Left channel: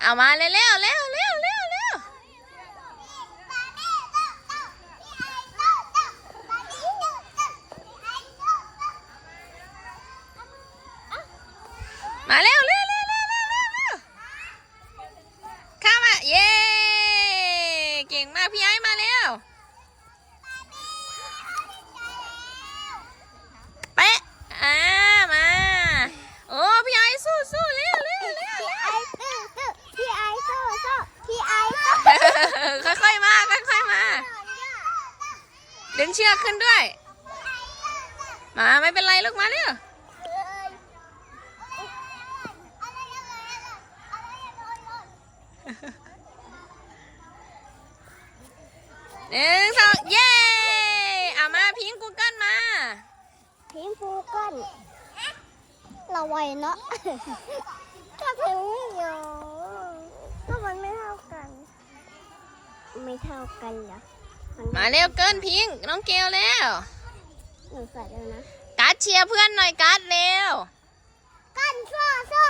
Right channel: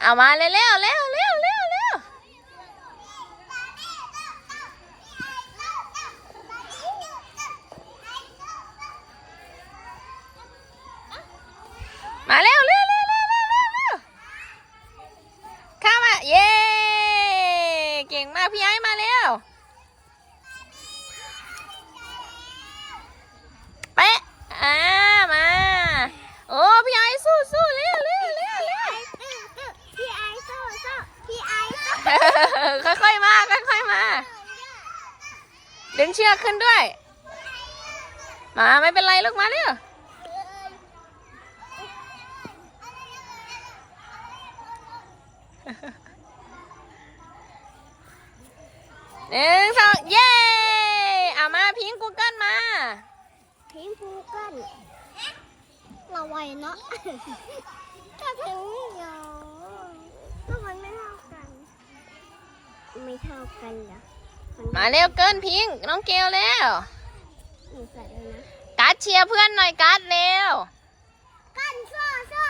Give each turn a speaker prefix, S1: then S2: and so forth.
S1: เอามาเร็วเร็วเร็วเร็วเร็วเร็วมาเร็วเร็วเร็วเร็วเร็วเร็วเร็วเข้ามาเย้เก่งมากพี่ไอ้มาเร็ว เป๊ะอ่ามา โอ้พี่ไอ้สู้สู้เร็วเร็วเร็วเร็ว
S2: พี่ไอสู้สู้พี่ไอ
S1: ค่อยๆมาค่อยๆมา ดึงเชือกขึ้นด้วย มาไม่เป็นไรลูกมาเร็วหนึ่งสองเย้เอามาพิงกูเกิลมา
S2: พิงฟูเกันเราไวเนาะก็ถึงอยู่ก็มันไม่เท่ากัน ไม่ เท่ากันเหรอมัน
S1: มาเร็วเกินพิงน้องเกลแล้ว
S2: หนูใส่เลยนะ
S1: การ์ดเชียร์เพื่อนหน่อยการ์ดเร็ว
S2: กันสู้สู้
S1: เออพี่ไอ